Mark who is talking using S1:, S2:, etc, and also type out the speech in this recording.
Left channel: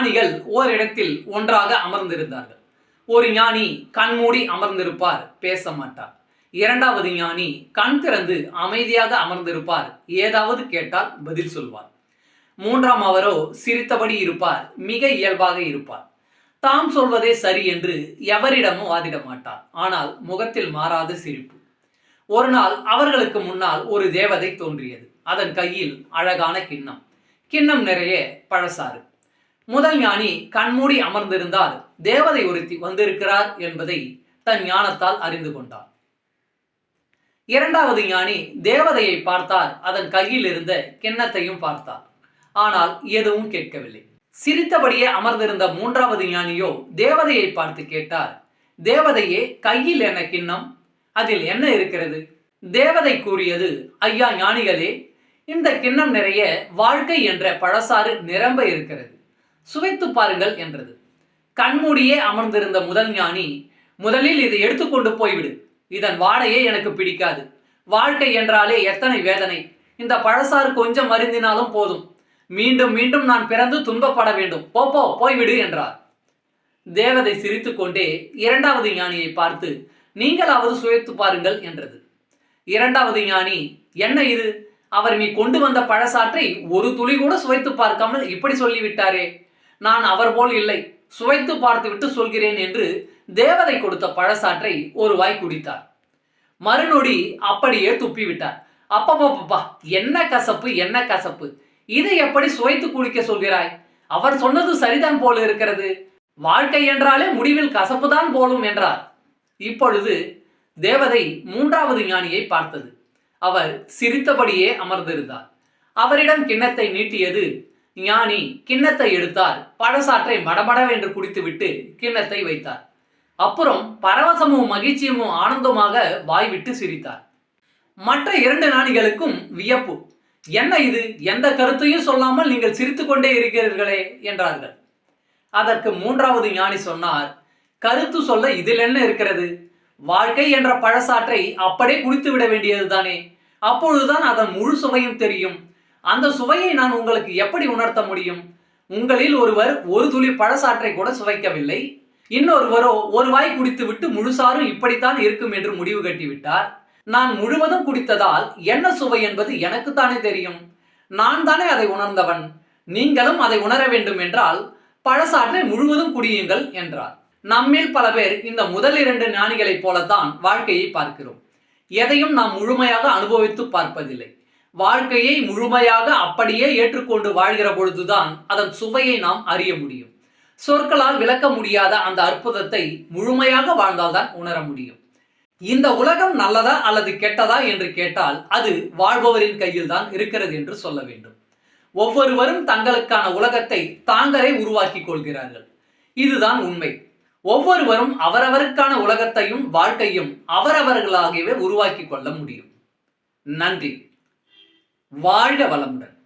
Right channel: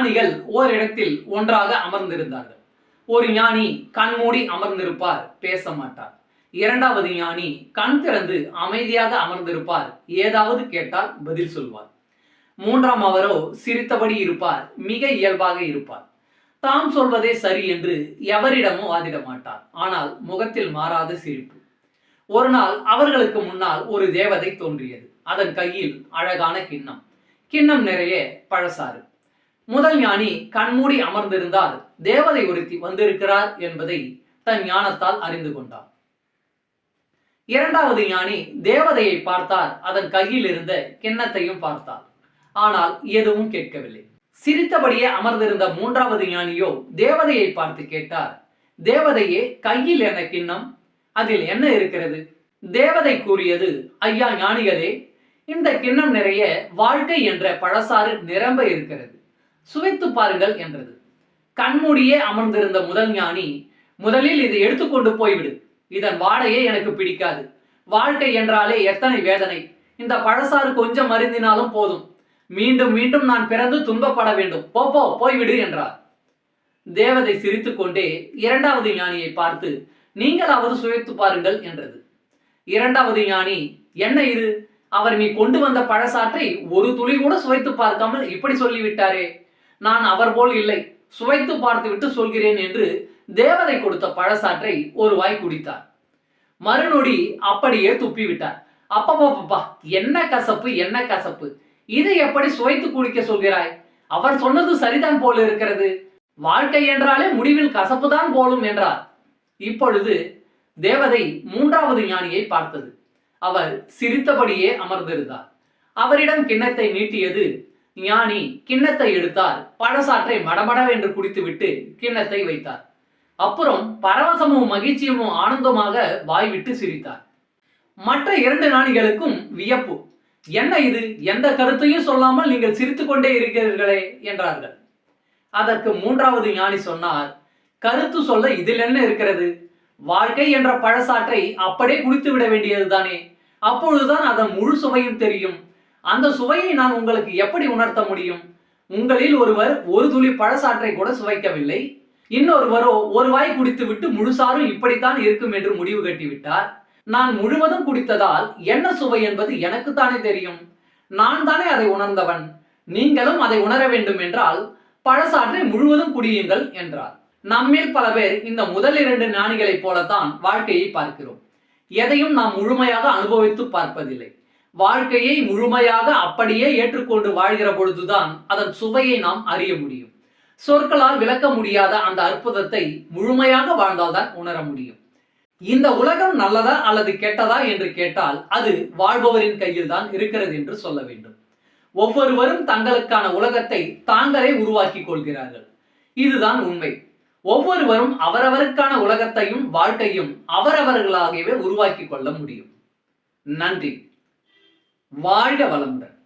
S1: ஞானிகள் ஓரிடத்தில் ஒன்றாக அமர்ந்திருந்தார்கள். ஒரு ஞானி கண்மூடி அமர்ந்திருப்பார் பேச மாட்டார். இரண்டாவது ஞானி கண் திறந்து அமைதியாக அமர்ந்திருப்பார் ஏதாவது கேட்டால் பதில் சொல்வார். மூன்றாம் அவரோ சிரித்தபடி இருப்பார் மிக இயல்பாக இருப்பார். தாம் சொல்வதே சரி என்று எவரிடமும் வாதிட மாட்டார் ஆனால் முகத்தில் மாறாத சிரிப்பு. ஒரு நாள் அவர்களுக்கு முன்னால் ஒரு தேவதை தோன்றியது அதன் கையில் அழகான கிண்ணம். கிண்ணம் நிறைய பழசாறு. முதல் ஞானி கண்மூடி அமர்ந்திருந்தால் தேவதை ஒருத்தி வந்திருக்கிறார் என்பதை தன் ஞானத்தால் அறிந்து கொண்டார் இரண்டாவது ஞானி தேவதையை பார்த்தார். அதன் கையில் இருந்த கிண்ணத்தையும் பார்த்தார். ஆனால் எதுவும் கேட்கவில்லை. சிரித்தபடியே அமர்ந்திருந்த மூன்றாவது ஞானியோ தேவதையை பார்த்து கேட்டார். தேவதையே கையில் என்ன கிண்ணம்? அதில் என்ன இருக்கிறது? தேவதை கூறியது ஐயா ஞானிகளே இந்த கிண்ணம் நிறைய வாழ்க்கை என்ற பழசாறு நிரம்ப இருக்கிறது. சுவைத்து பாருங்கள் என்றது. கண்மூடியே அமர்ந்திருந்த முதல் ஞானி முதலில் இதை எடுத்துக்கொண்டு போய்விடு. இதன் வாடையே எனக்கு பிடிக்காது. வாழ்க்கை என்றாலே எத்தனை வேதனை. இந்த பழசாறு கொஞ்சம் மருந்தினாலும் போதும். மீண்டும் மீண்டும் நான் பிறந்து துன்பப்பட வேண்டும். போப்போ போய்விடு என்றார். தேவதை சிரித்துக்கொண்டே இரண்டாவது ஞானியை பார்த்து நீங்களாவது சுவைத்து பாருங்கள் என்றது. இரண்டாவது ஞானி என்ன இது? அவர் நீ கொண்டு வந்த பழசாற்றை ஒரு துளி கூட சுவைத்து பார்க்காமல் இப்படி சொல்லிவிட்டாரே. நான் அவர் போல் இல்லை. சுவைத்து பார்த்துவிட்டு சொல்கிறேன் என்று தேவதை கொடுத்த பழசாற்றை ஒரு வாய் குடித்தார். மறுநொடி அப்படியே துப்பிவிட்டார். அப்பப்பப்பா என்ன கசப்பு என்ன கசப்பு? இதை எப்படி சுவைத்து குடிக்க சொல்கிறாய்? அவர் சொன்னது சரிதான் போல இருக்கிறது. வாழ்க்கை என்றாலே முடிவில் கசப்புதான் போலும் என்றார். இப்பொழுது தேவதை மூன்றாவது ஞானியை பார்த்தது. அவர் சிரித்தபடியே அமர்ந்திருந்தார். அவரிடம் கிண்ணத்தை நீட்டியது ஞானி கிண்ணத்தை எடுத்தார். பழசாற்றை மடமடவென்று குடித்துவிட்டு கிண்ணத்தை வைத்தார். அப்புறம் பரவசமும் மகிழ்ச்சியும் ஆனந்தமாக வாய்விட்டு சிரித்தார். மற்ற இரண்டு ஞானிகளுக்கும் வியப்பு. என்ன இது? எந்த கருத்தையும் சொல்லாமல் நீங்கள் சிரித்துக்கொண்டே இருக்கிறீர்களே என்றார்கள். அதற்கு மூன்றாவது ஞானி சொன்னார் கருத்து சொல்ல இதில் என்ன இருக்கிறது? வாழ்க்கை என்ற பழசாற்றை அப்படியே குடித்து விட வேண்டியதுதானே. அப்பொழுதுதான் அதன் முழு சுவையும் தெரியும். அந்த சுவையை நான் உங்களுக்கு எப்படி உணர்த்த முடியும்? உங்களில் ஒருவர் ஒரு துளி பழசாற்றை கூட சுவைக்கவில்லை. இன்னொருவரோ ஒரு வாய் குடித்துவிட்டு முழுசாரும் இப்படித்தான் இருக்கும் என்று முடிவு கட்டிவிட்டார். நான் முழுவதும் குடித்ததால் என்ன சுவை என்பது எனக்குத்தானே தெரியும். நான் தானே அதை உணர்ந்தவன். நீங்களும் அதை உணர வேண்டும் என்றால் பழசாற்றை முழுவதும் குடியுங்கள் என்றார். நம்மில் பல பேர் இந்த முதல் இரண்டு ஞானிகளைப் போலத்தான் வாழ்க்கையை பார்க்கிறோம். எதையும் நாம் முழுமையாக அனுபவித்து பார்ப்பதில்லை. வாழ்க்கையை முழுமையாக அப்படியே ஏற்றுக்கொண்டு வாழ்கிற பொழுதுதான் அதன் சுவையை நாம் அறிய முடியும். சொற்களால் விளக்க முடியாத அந்த அற்புதத்தை முழுமையாக வாழ்ந்தால்தான் உணர முடியும். இந்த உலகம் நல்லதா அல்லது கெட்டதா என்று கேட்டால் அது வாழ்பவரின் கையில் தான் இருக்கிறது என்று சொல்ல வேண்டும். ஒவ்வொருவரும் தங்களுக்கான உலகத்தை தாங்களே உருவாக்கிக் கொள்கிறார்கள். இதுதான் உண்மை. ஒவ்வொருவரும் அவரவருக்கான உலகத்தையும் வாழ்க்கையும் அவரவர்களாகவே உருவாக்கிக் கொள்ள முடியும். நன்றி. வாழ்க வளமுடன்.